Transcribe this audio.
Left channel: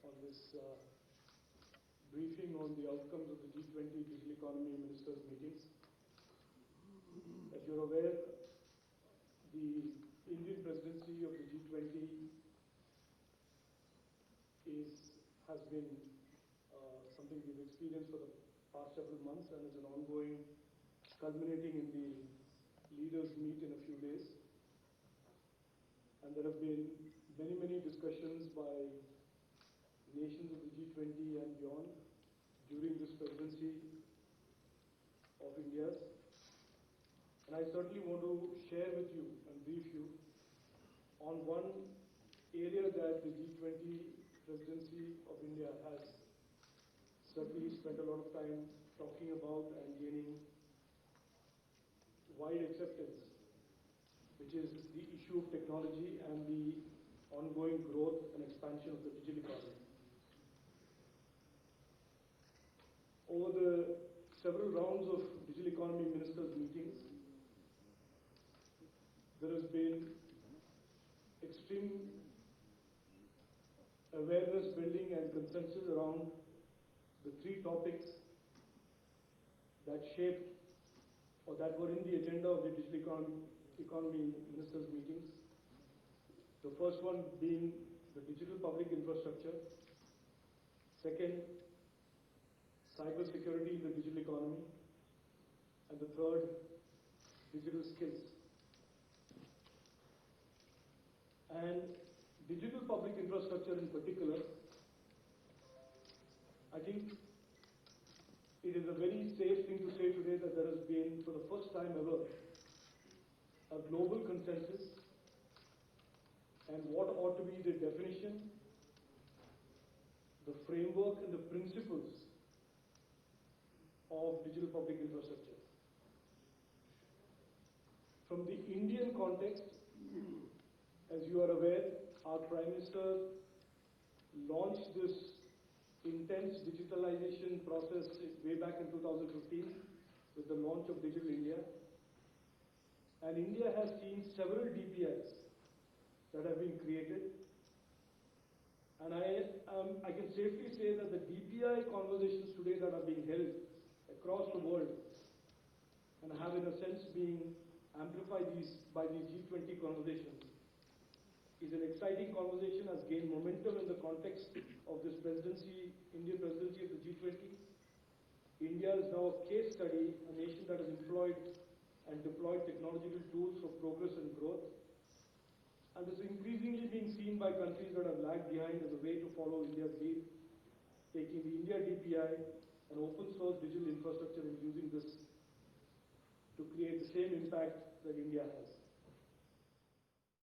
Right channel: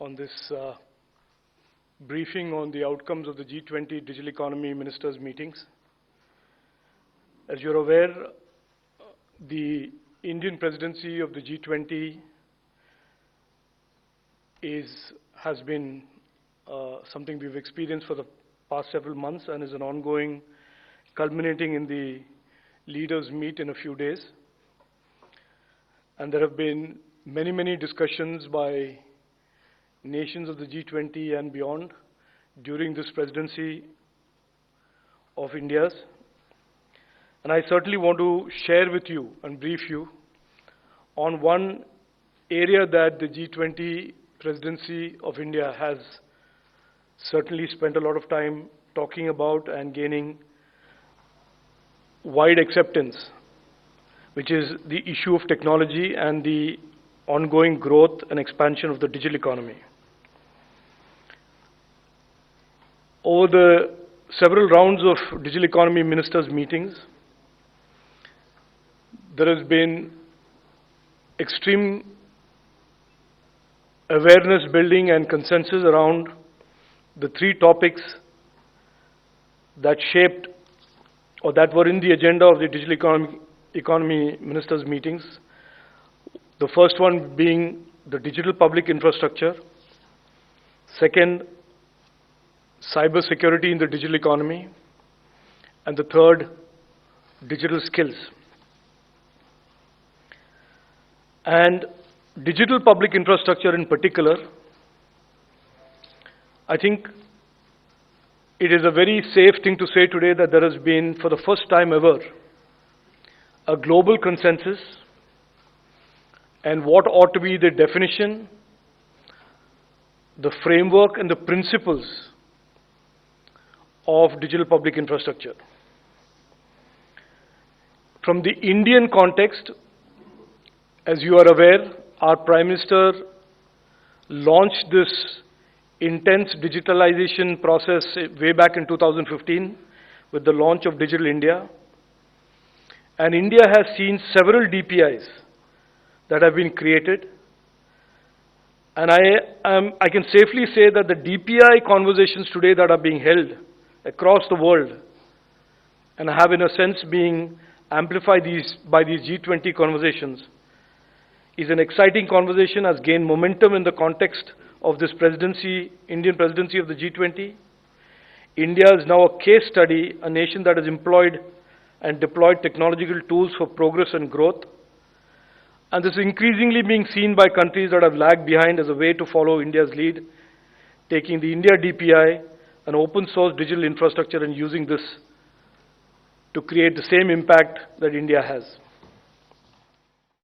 on this briefing on the outcomes of the G20 Digital Economy Ministers meetings. As you're aware, the Indian presidency of the G20 has been something we've experienced for the past several months and is an ongoing, culminating in the leaders meet in a few days. And there have been many discussions by nations of the G20 and beyond during this presidency of India's. And I certainly want to share with you and brief you on one area that the G20 presidency of India has certainly spent a lot of time talking about and gaining wide acceptance, which is the issue of technology and the ongoing growth and expansion of the digital economy. Over the several rounds of digital economy ministers meetings, there has been extreme awareness building and consensus around the three topics that shaped or that were in the agenda of the digital economy ministers meetings. The first one being the digital public infrastructure. Second, cyber security in the digital economy. And the third, digital skills. And digital public infrastructure in particular, I think it is a very safe thing to say today that there has been, for the first time ever, a global consensus and what ought to be the definition, the framework and the principles of digital public infrastructure. From the Indian context, as you are aware, our Prime Minister launched this intense digitalization process way back in 2015 with the launch of Digital India. And India has seen several DPIs that have been created. And I can safely say that the DPI conversations today that are being held across the world and have in a sense being amplified by these G20 conversations is an exciting conversation, has gained momentum in the context of this presidency, Indian presidency of the G20. India is now a case study, a nation that has employed and deployed technological tools for progress and growth. And this is increasingly being seen by countries that have lagged behind as a way to follow India's lead, taking the India DPI, an open source digital infrastructure, and using this to create the same impact that India has.